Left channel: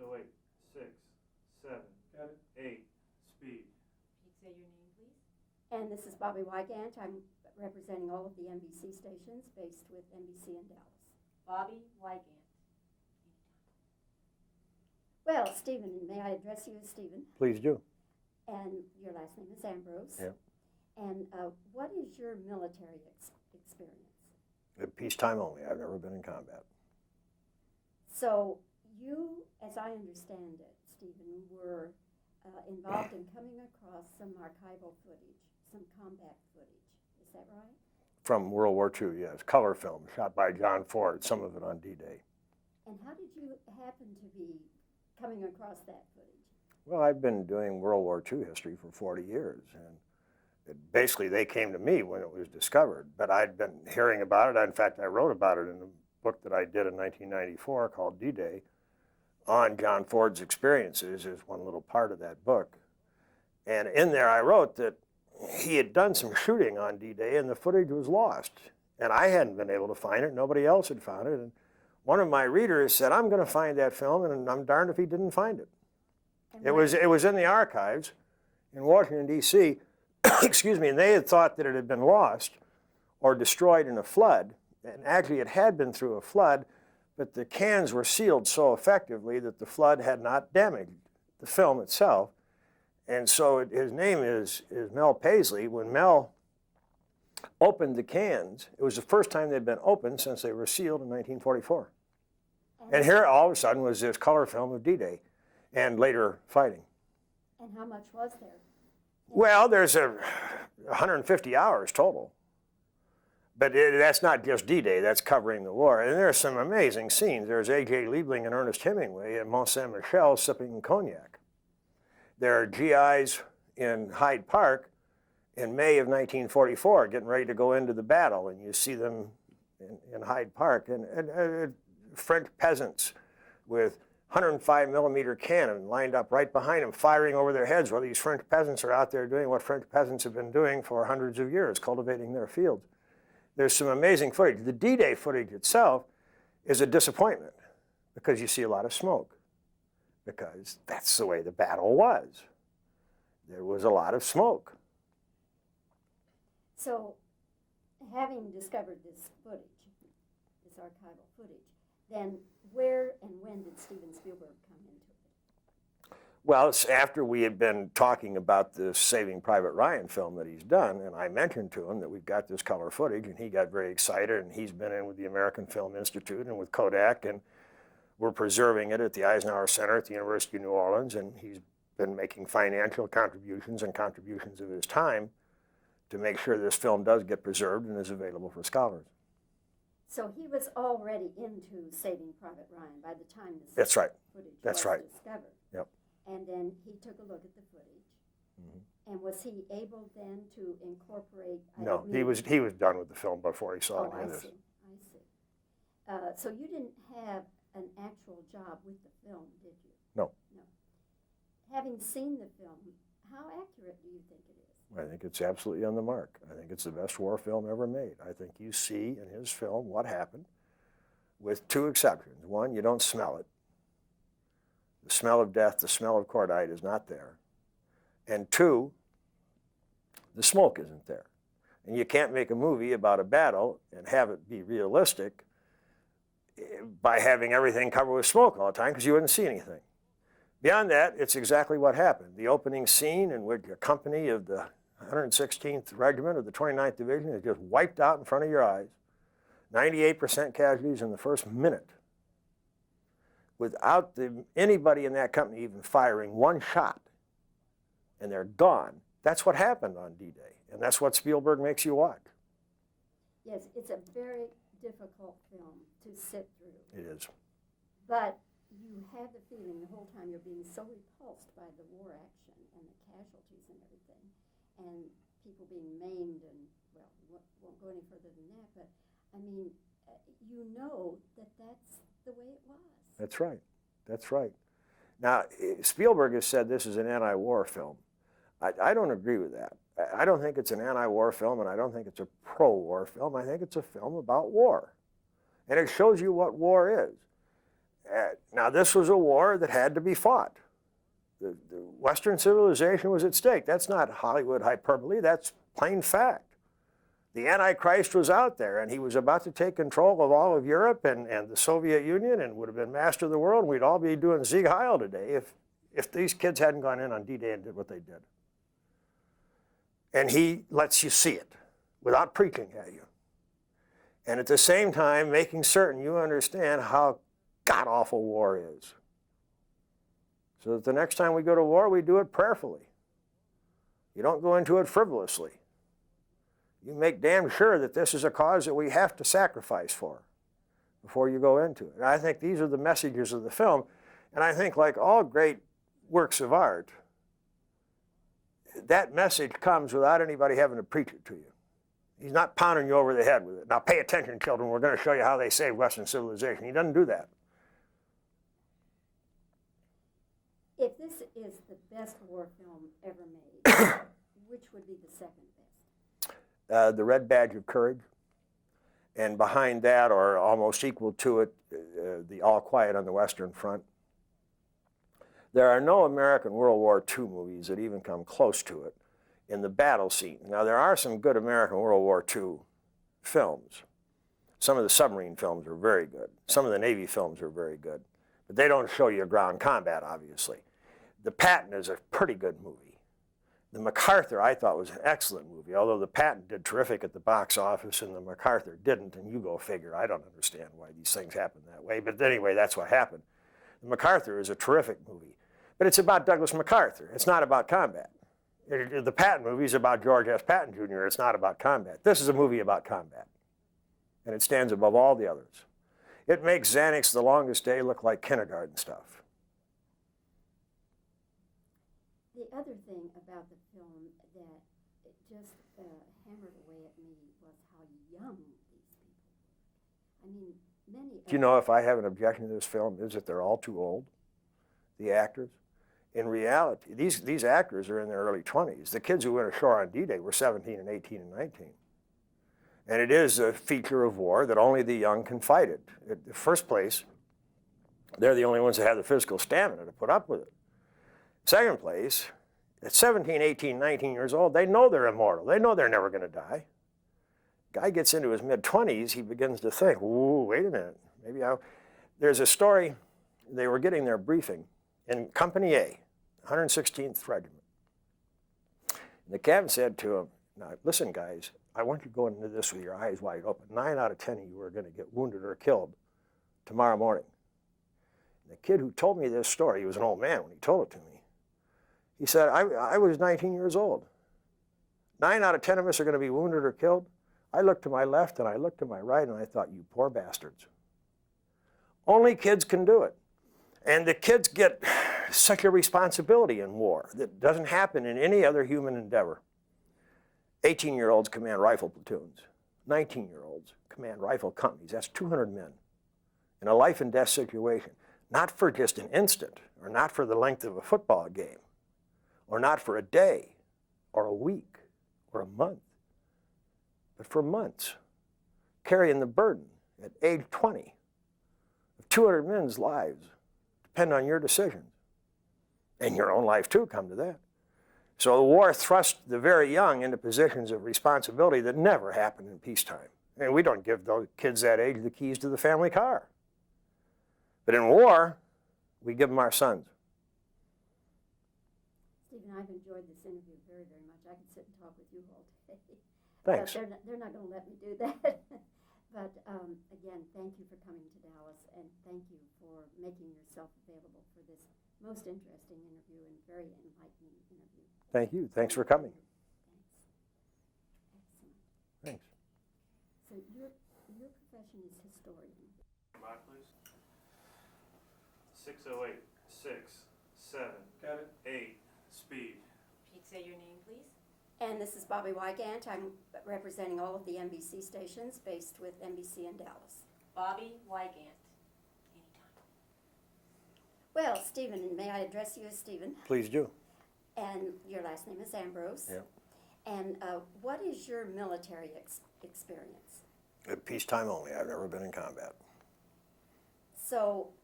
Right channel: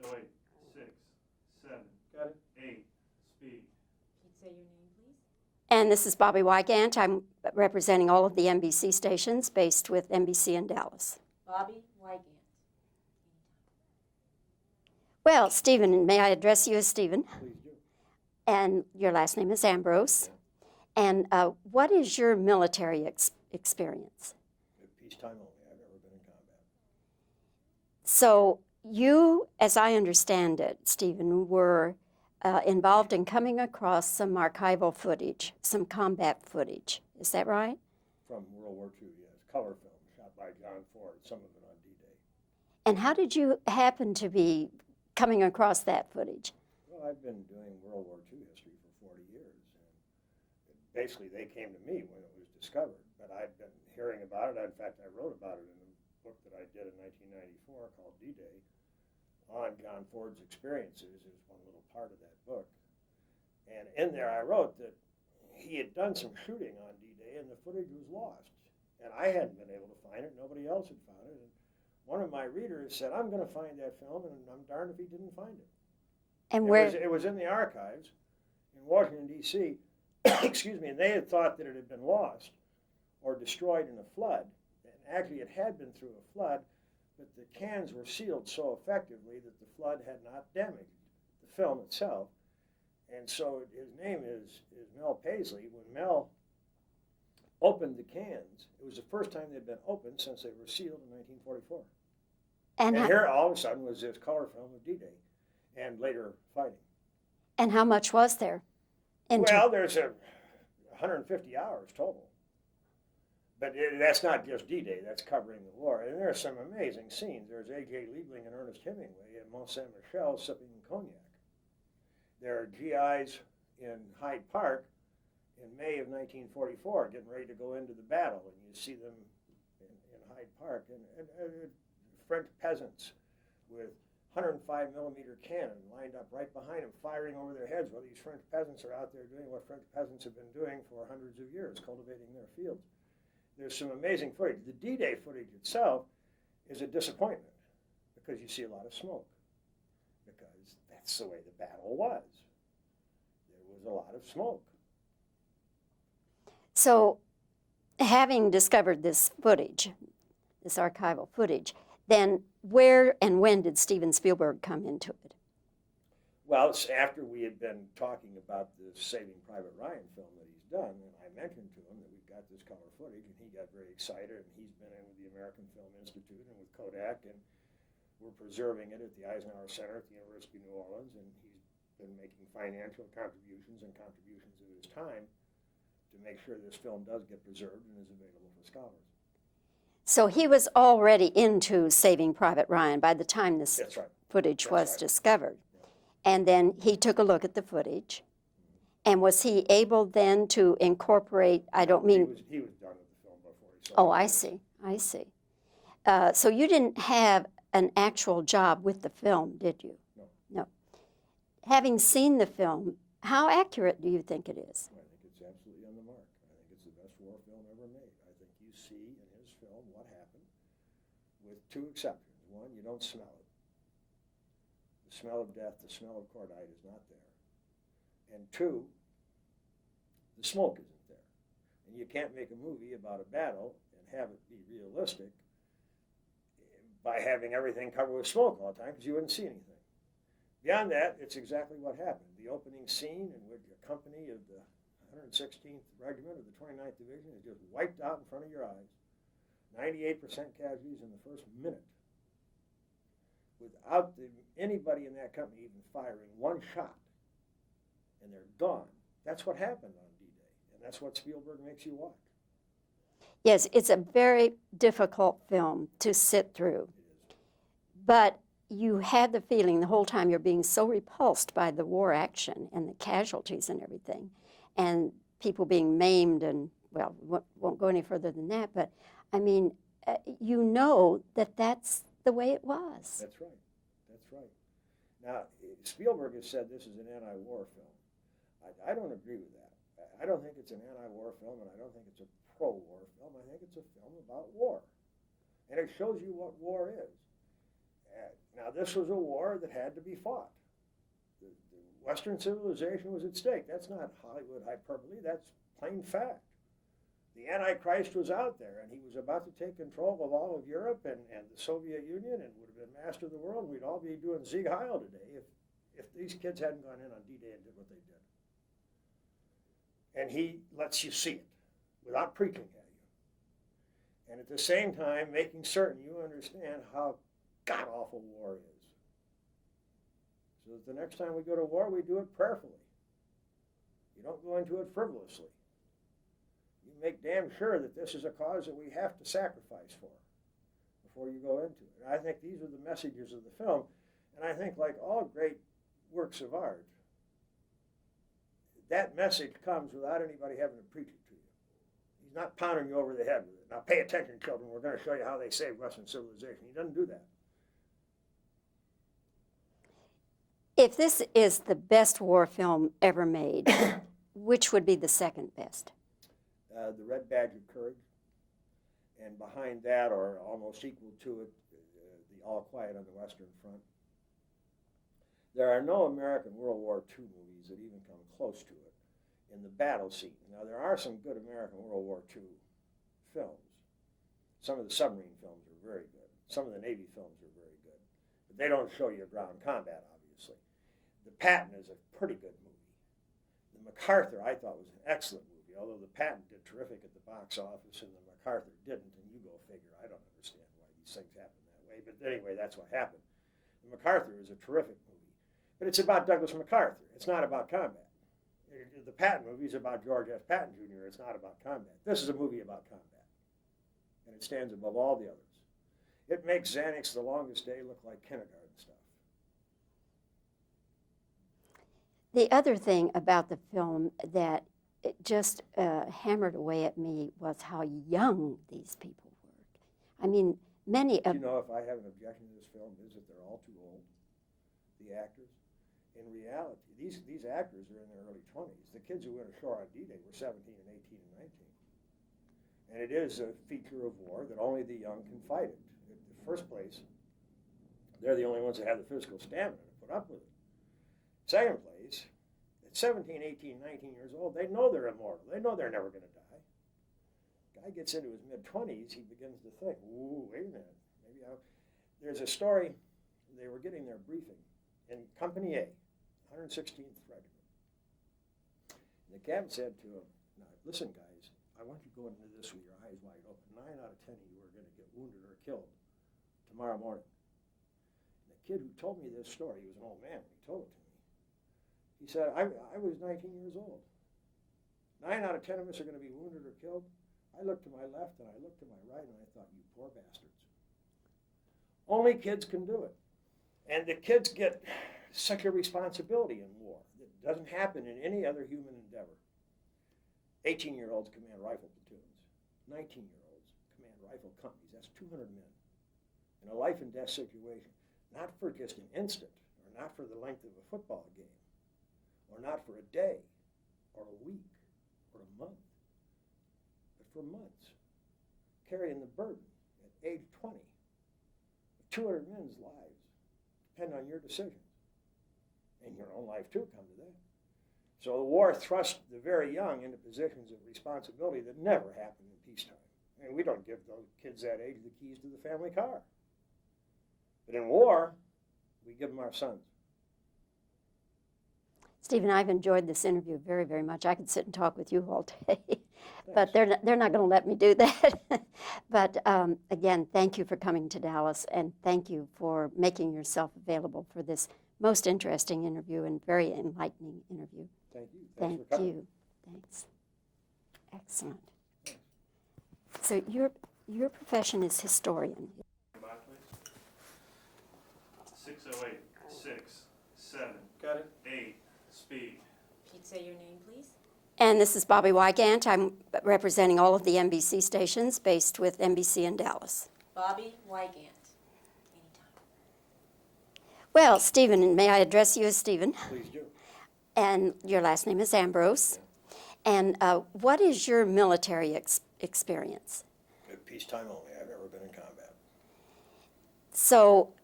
So 8, 6, 7, Got it. 8, speed. Please say your name, please. And this is Bobbie Wygant. I'm representing all of the NBC stations based with NBC in Dallas. Bobbie Wygant. Well, Stephen, may I address you as Stephen? Please do. And your last name is Ambrose. Yeah. And what is your military experience? At peacetime only. I've never been in combat. So you, as I understand it, Stephen, were involved in coming across some archival footage, some combat footage. Is that right? From World War II, yes. Color film shot by John Ford, some of it on D-Day. And how did you happen to be coming across that footage? Well, I've been doing World War II history for 40 years. And basically, they came to me when it was discovered. But I'd been hearing about it. In fact, I wrote about it in a book that I did in 1994 called D-Day on John Ford's experiences is one little part of that book. And in there, I wrote that he had done some shooting on D-Day and the footage was lost. And I hadn't been able to find it. Nobody else had found it. And one of my readers said, I'm going to find that film, and I'm darned if he didn't find it. And It was in the archives in Washington, D.C., excuse me, and they had thought that it had been lost or destroyed in a flood. And actually, it had been through a flood, but the cans were sealed so effectively that the flood had not damaged the film itself. And so his name is Mel Paisley. When Mel opened the cans, it was the first time they'd been opened since they were sealed in 1944. And here, all of a sudden, was this color film of D-Day and later fighting. And how much was there? Well, there's 150 hours total. But that's not just D-Day, that's covering the war. And there's some amazing scenes. There's A.J. Liebling and Ernest Hemingway at Mont Saint-Michel sipping cognac. There are GIs in Hyde Park in May of 1944 getting ready to go into the battle, and you see them in Hyde Park. And French peasants with 105 millimeter cannon lined up right behind them, firing over their heads while these French peasants are out there doing what French peasants have been doing for hundreds of years, cultivating their fields. There's some amazing footage. The D-Day footage itself is a disappointment because you see a lot of smoke, because that's the way the battle was. There was a lot of smoke. So, having discovered this footage, this archival footage, then where and when did Steven Spielberg come into it? Well, it's after we had been talking about this Saving Private Ryan film that he's done, and I mentioned to him that we've got this color footage, and he got very excited, and he's been in with the American Film Institute and with Kodak, and we're preserving it at the Eisenhower Center at the University of New Orleans, and he's been making financial contributions and contributions of his time to make sure this film does get preserved and is available for scholars. So he was already into Saving Private Ryan by the time this That's right. footage That's was right. discovered. Yep. And then he took a look at the footage. And was he able then to incorporate, He was done with the film before he saw it. Oh, I see. So you didn't have an actual job with the film, did you? No. No. Having seen the film, how accurate do you think it is? I think it's absolutely on the mark. I think it's the best war film ever made. I think you see in his film what happened, with two exceptions. One, you don't smell it. The smell of death, the smell of cordite is not there. And two, the smoke isn't there. And you can't make a movie about a battle and have it be realistic by having everything covered with smoke all the time, because you wouldn't see anything. Beyond that, it's exactly what happened. The opening scene in which a company of the 116th Regiment of the 29th Division is just wiped out in front of your eyes. 98% casualties in the first minute, without anybody in that company even firing one shot, and they're gone. That's what happened on D-Day, and that's what Spielberg makes you watch. Yes, it's a very difficult film to sit through. It is. But you had the feeling the whole time you're being so repulsed by the war action and the casualties and everything, and people being maimed and, well, won't go any further than that, but I mean, you know that that's the way it was. That's right. That's right. Now, Spielberg has said this is an anti-war film. I don't agree with that. I don't think it's an anti-war film, and I don't think it's a pro-war film. I think it's a film about war. And it shows you what war is. Now, this was a war that had to be fought. The Western civilization was at stake. That's not Hollywood hyperbole. That's plain fact. The Antichrist was out there, and he was about to take control of all of Europe and the Soviet Union and would have been master of the world. We'd all be doing Sieg Heil today if these kids hadn't gone in on D-Day and did what they did. And he lets you see it without preaching at you. And at the same time, making certain you understand how god-awful war is. So that the next time we go to war, we do it prayerfully. You don't go into it frivolously. You make damn sure that this is a cause that we have to sacrifice for before you go into it. And I think these are the messages of the film. And I think, like all great works of art, that message comes without anybody having to preach it to you. He's not pounding you over the head with it. Now pay attention, children. We're going to show you how they saved Western civilization. He doesn't do that. If this is the best war film ever made, which would be the second best? The Red Badge of Courage. And behind that, or almost equal to it, the All Quiet on the Western Front. There are no American World War II movies that even come close to it in the battle scene. Now, there are some good American World War II films. Some of the submarine films are very good. Some of the Navy films are very good. But they don't show you ground combat, obviously. The Patton is a pretty good movie. The MacArthur, I thought, was an excellent movie, although the Patton did terrific at the box office and the MacArthur didn't, and you go figure. I don't understand why these things happen that way, but anyway, that's what happened. The MacArthur is a terrific movie, but it's about Douglas MacArthur. It's not about combat. The Patton movie is about George S. Patton Jr. It's not about combat. This is a movie about combat, and it stands above all the others. It makes Xanax The Longest Day look like kindergarten stuff. The other thing about the film that it just hammered away at me was how young these people were. I mean, many of... Do you know if I have an objection to this film is that they're all too old, the actors? In reality, these actors are in their early 20s. The kids who went ashore on D-Day were 17 and 18 and 19. And it is a feature of war that only the young can fight it. In the first place, they're the only ones that have the physical stamina to put up with it. Second place, at 17, 18, 19 years old, they know they're immortal. They know they're never going to die. Guy gets into his mid-20s, he begins to think, ooh, wait a minute, maybe I'll... There's a story, they were getting their briefing in Company A, 116th Regiment. And the captain said to him, now listen guys, I want you to go into this with your eyes wide open. 9 out of 10 of you are going to get wounded or killed tomorrow morning. And the kid who told me this story, he was an old man when he told it to me. He said, I was 19 years old. 9 out of 10 of us are going to be wounded or killed. I looked to my left and I looked to my right and I thought, you poor bastards. Only kids can do it. And the kids get such a responsibility in war that doesn't happen in any other human endeavor. 18-year-olds command rifle platoons. 19-year-olds command rifle companies. That's 200 men in a life and death situation. Not for just an instant or not for the length of a football game or not for a day or a week or a month, but for months, carrying the burden at age 20 of 200 men's lives depend on your decisions. And your own life too, come to that. So the war thrust the very young into positions of responsibility that never happened in peacetime. And we don't give those kids that age the keys to the family car. But in war, we give them our sons. Stephen, I've enjoyed this interview very, very much. I could sit and talk with you all day, Thanks. but they're not going to let me do that. But again, thank you for coming to Dallas, and thank you for making yourself available for this most interesting interview and very enlightening interview. Thank you. Thanks for coming. Thank you. Thanks. Excellent. Thanks. So your profession is historian. Come on, please. 608, 6, 7. Got it. 8, speed. Please say your name, please. And this is Bobbie Wygant. I'm representing all of the NBC stations based with NBC in Dallas. Bobbie Wygant. Anytime. Well, Stephen, may I address you as Stephen? Please do. And your last name is Ambrose. Yeah. And what is your military experience? At peacetime only. I've never been in combat. So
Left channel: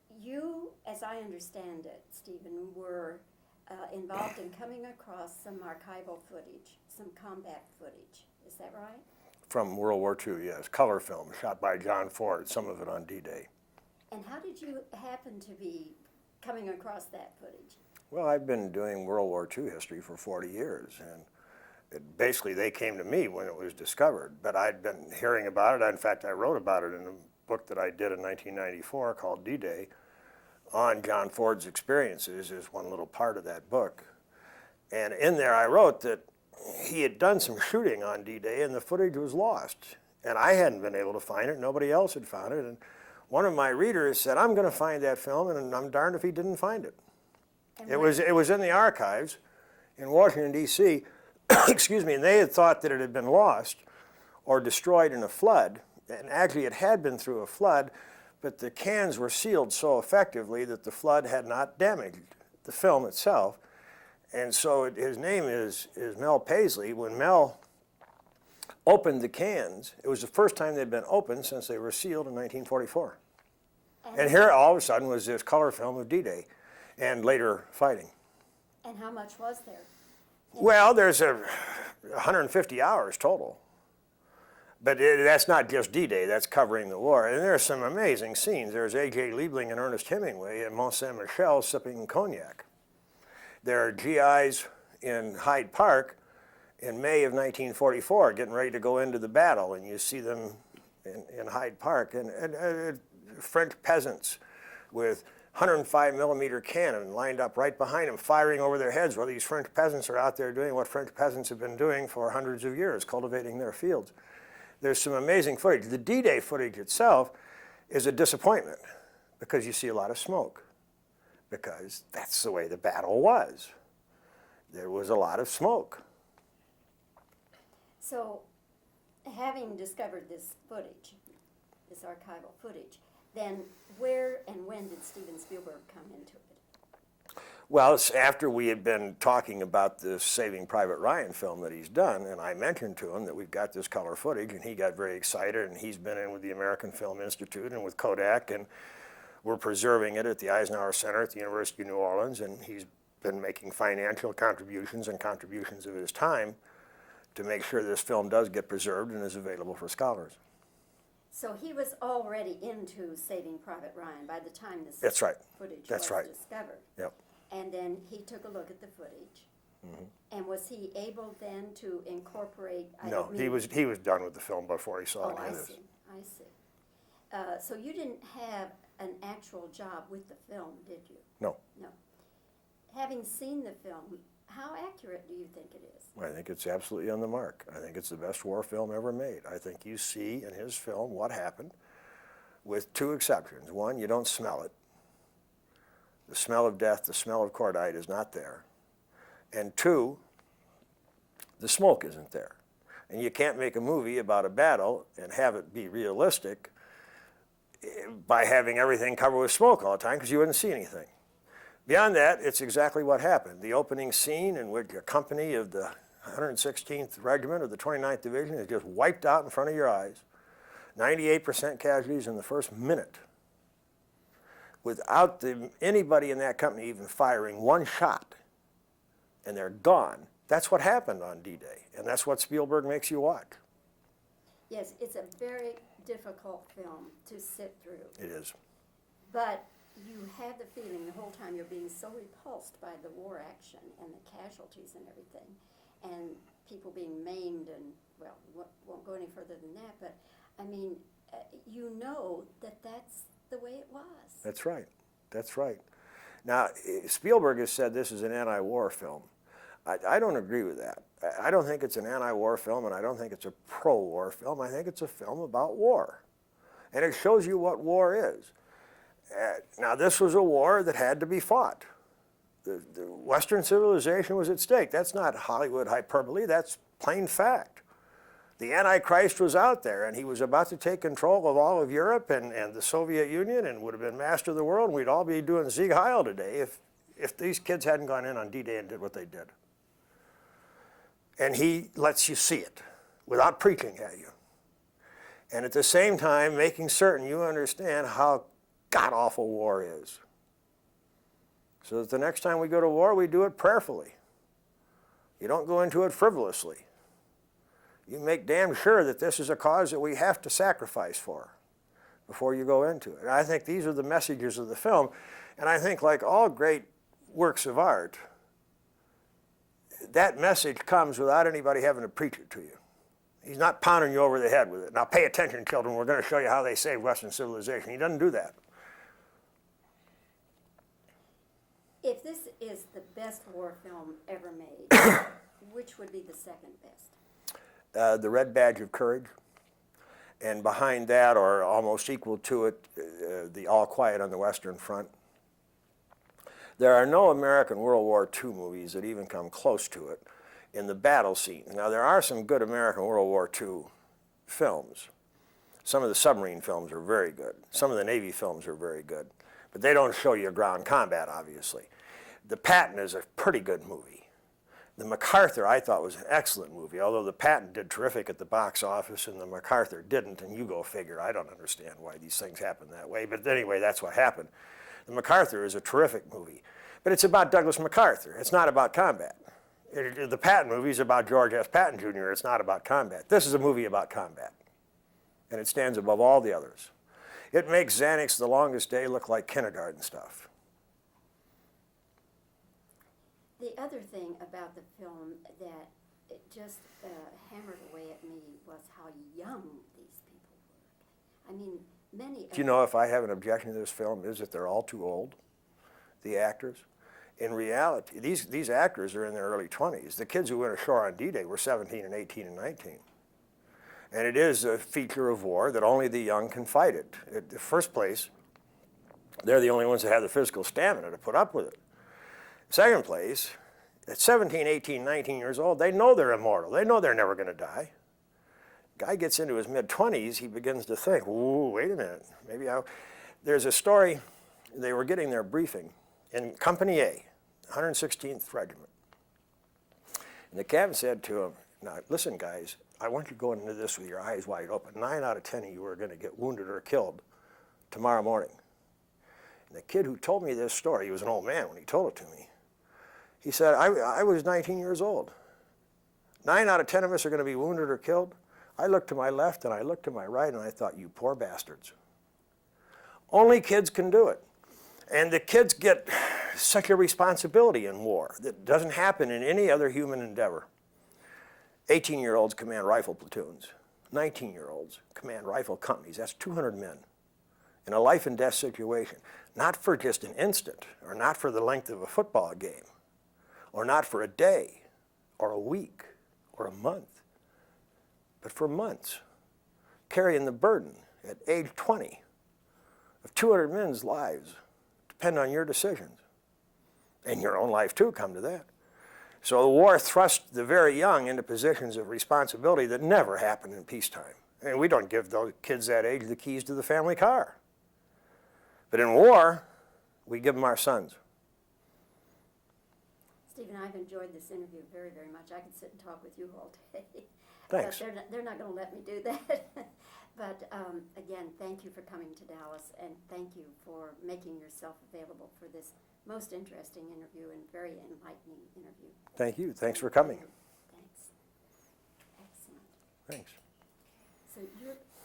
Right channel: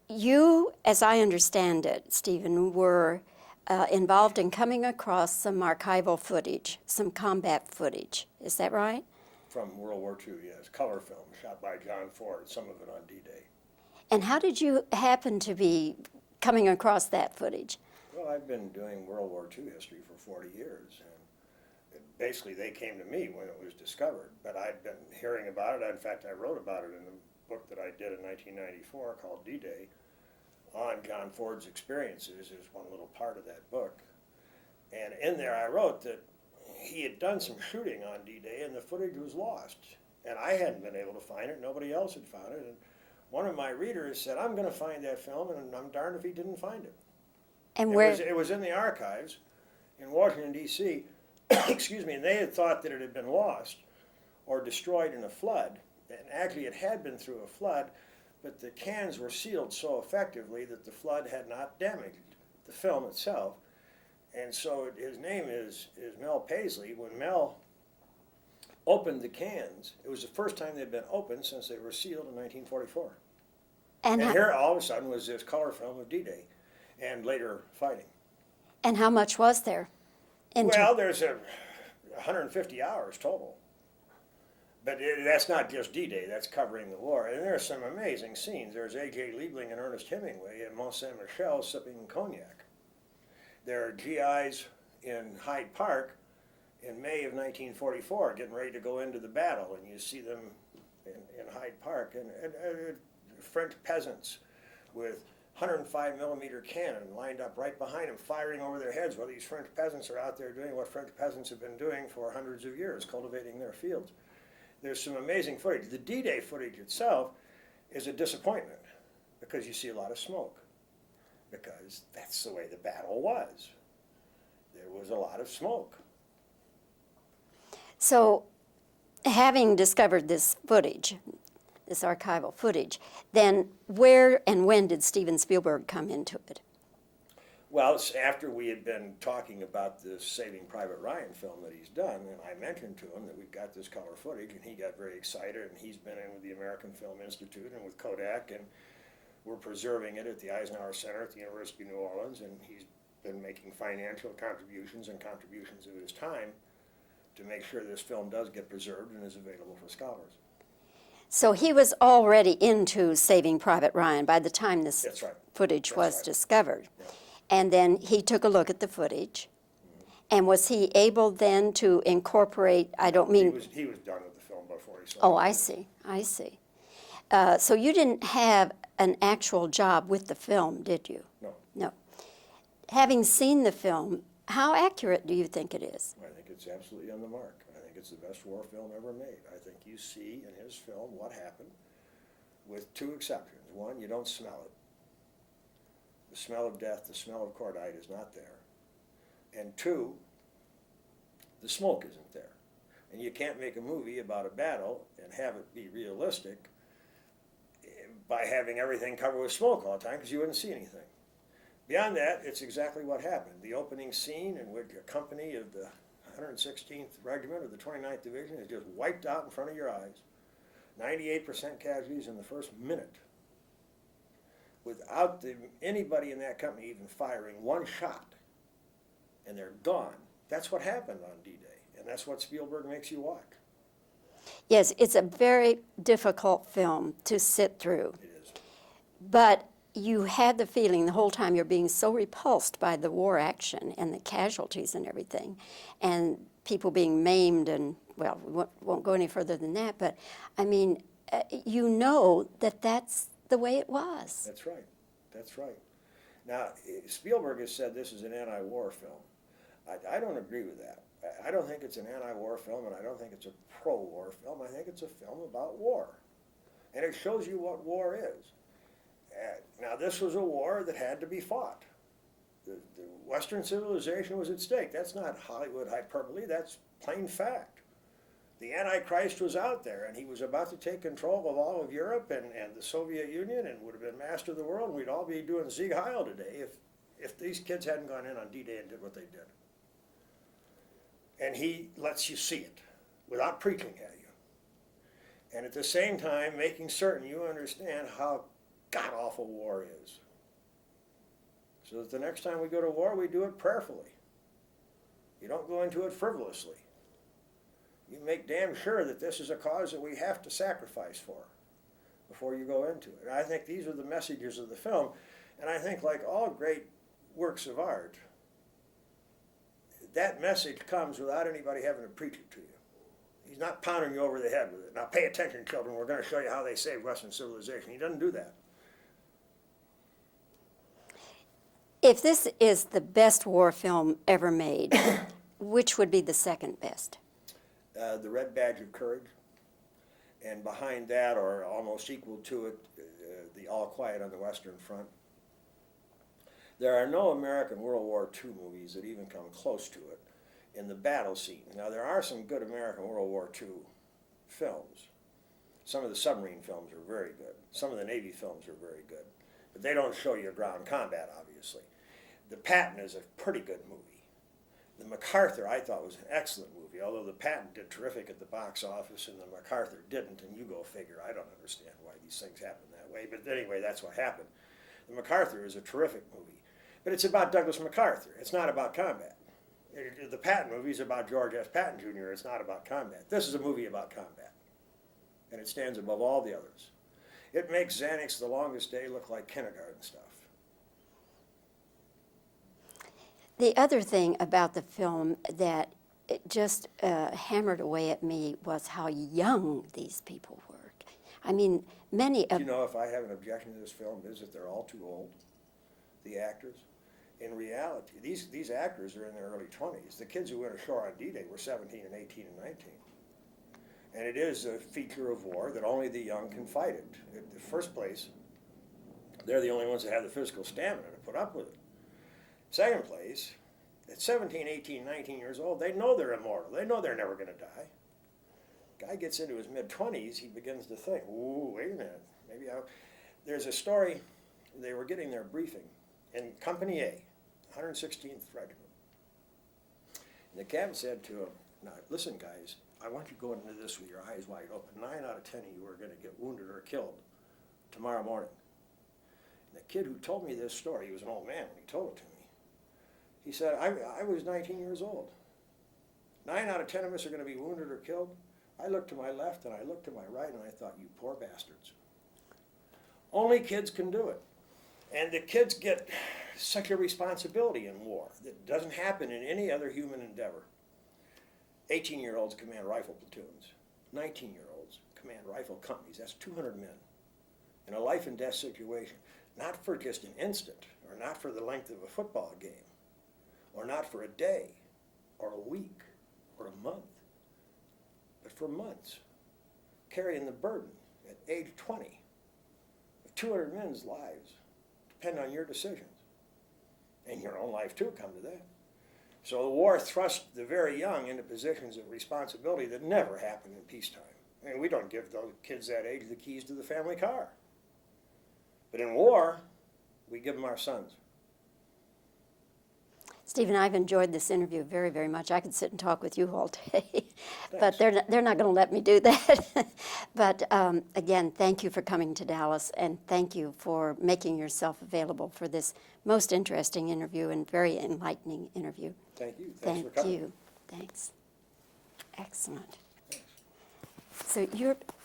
you, as I understand it, Stephen, were involved in coming across some archival footage, some combat footage. Is that right? From World War II, yes. Color film shot by John Ford, some of it on D-Day. And how did you happen to be coming across that footage? Well, I've been doing World War II history for 40 years, and basically they came to me when it was discovered, but I'd been hearing about it. In fact, I wrote about it in a book that I did in 1994 called D-Day on John Ford's experiences is one little part of that book. And in there I wrote that he had done some shooting on D-Day and the footage was lost. And I hadn't been able to find it, nobody else had found it. And one of my readers said, I'm going to find that film, and I'm darned if he didn't find it. And It was in the archives in Washington, D.C., excuse me, and they had thought that it had been lost or destroyed in a flood. And actually it had been through a flood, but the cans were sealed so effectively that the flood had not damaged the film itself. And so his name is Mel Paisley. When Mel opened the cans, it was the first time they'd been opened since they were sealed in 1944. And here all of a sudden was this color film of D-Day and later fighting. And how much was there? Well, there's 150 hours total. But that's not just D-Day, that's covering the war. And there's some amazing scenes. There's A.J. Liebling and Ernest Hemingway in Mont Saint-Michel sipping cognac. There are GIs in Hyde Park in May of 1944 getting ready to go into the battle, and you see them in Hyde Park. And French peasants with 105 millimeter cannon lined up right behind them, firing over their heads, while these French peasants are out there doing what French peasants have been doing for hundreds of years, cultivating their fields. There's some amazing footage. The D-Day footage itself is a disappointment because you see a lot of smoke, because that's the way the battle was. There was a lot of smoke. So, having discovered this footage, this archival footage, then where and when did Steven Spielberg come into it? Well, it's after we had been talking about this Saving Private Ryan film that he's done, and I mentioned to him that we've got this color footage, and he got very excited, and he's been in with the American Film Institute and with Kodak, and we're preserving it at the Eisenhower Center at the University of New Orleans, and he's been making financial contributions and contributions of his time to make sure this film does get preserved and is available for scholars. So he was already into Saving Private Ryan by the time this That's right. footage That's was right. discovered. Yep. And then he took a look at the footage. And was he able then to incorporate, I don't mean... He was done with the film before he saw it. Oh, I see. So you didn't have an actual job with the film, did you? No. No. Having seen the film, how accurate do you think it is? I think it's absolutely on the mark. I think it's the best war film ever made. I think you see in his film what happened, with two exceptions. One, you don't smell it. The smell of death, the smell of cordite is not there. And two, the smoke isn't there. And you can't make a movie about a battle and have it be realistic by having everything covered with smoke all the time, because you wouldn't see anything. Beyond that, it's exactly what happened. The opening scene in which a company of the 116th Regiment of the 29th Division is just wiped out in front of your eyes. 98% casualties in the first minute, without anybody in that company even firing one shot, and they're gone. That's what happened on D-Day, and that's what Spielberg makes you watch. Yes, it's a very difficult film to sit through. It is. But you had the feeling the whole time you're being so repulsed by the war action and the casualties and everything, and people being maimed and, well, we won't go any further than that, but I mean, you know that that's the way it was. That's right. That's right. Now, Spielberg has said this is an anti-war film. I don't agree with that. I don't think it's an anti-war film, and I don't think it's a pro-war film. I think it's a film about war. And it shows you what war is. Now, this was a war that had to be fought. The Western civilization was at stake. That's not Hollywood hyperbole. That's plain fact. The Antichrist was out there, and he was about to take control of all of Europe and the Soviet Union, and would have been master of the world. We'd all be doing Sieg Heil today if these kids hadn't gone in on D-Day and did what they did. And he lets you see it without preaching at you. And at the same time, making certain you understand how god-awful war is. So that the next time we go to war, we do it prayerfully. You don't go into it frivolously. You make damn sure that this is a cause that we have to sacrifice for before you go into it. And I think these are the messages of the film. And I think, like all great works of art, that message comes without anybody having to preach it to you. He's not pounding you over the head with it. Now pay attention, children, we're going to show you how they saved Western civilization. He doesn't do that. If this is the best war film ever made, which would be the second best? The Red Badge of Courage. And behind that, or almost equal to it, the All Quiet on the Western Front. There are no American World War II movies that even come close to it in the battle scene. Now, there are some good American World War II films. Some of the submarine films are very good. Some of the Navy films are very good. But they don't show you ground combat, obviously. The Patton is a pretty good movie. The MacArthur, I thought, was an excellent movie, although the Patton did terrific at the box office and the MacArthur didn't, and you go figure. I don't understand why these things happen that way, but anyway, that's what happened. The MacArthur is a terrific movie, but it's about Douglas MacArthur. It's not about combat. The Patton movie is about George S. Patton Jr. It's not about combat. This is a movie about combat, and it stands above all the others. It makes Xanax The Longest Day look like kindergarten stuff. The other thing about the film that it just hammered away at me was how young these people were. I mean, many of... Do you know, if I have an objection to this film, is that they're all too old, the actors. In reality, these actors are in their early 20s. The kids who went ashore on D-Day were 17 and 18 and 19. And it is a feature of war that only the young can fight it. In the first place, they're the only ones that have the physical stamina to put up with it. Second place, at 17, 18, 19 years old, they know they're immortal. They know they're never going to die. Guy gets into his mid-20s, he begins to think, ooh, wait a minute, maybe I'll... There's a story, they were getting their briefing in Company A, 116th Regiment. And the captain said to him, now listen guys, I want you to go into this with your eyes wide open. 9 out of 10 of you are going to get wounded or killed tomorrow morning. And the kid who told me this story, he was an old man when he told it to me, he said, I was 19 years old. 9 out of 10 of us are going to be wounded or killed. I looked to my left and I looked to my right and I thought, you poor bastards. Only kids can do it. And the kids get such a responsibility in war that doesn't happen in any other human endeavor. 18-year-olds command rifle platoons. 19-year-olds command rifle companies. That's 200 men in a life and death situation. Not for just an instant, or not for the length of a football game, or not for a day, or a week, or a month, but for months, carrying the burden at age 20 of 200 men's lives depend on your decisions, and your own life too, come to that. So the war thrust the very young into positions of responsibility that never happened in peacetime. And we don't give those kids that age the keys to the family car. But in war, we give them our sons. Stephen, I've enjoyed this interview very, very much. I could sit and talk with you all day, Thanks. but they're not going to let me do that. But again, thank you for coming to Dallas, and thank you for making yourself available for this most interesting interview and very enlightening interview. Thank you. Thanks for coming. Thank you. Thanks. Excellent. Thanks. So you're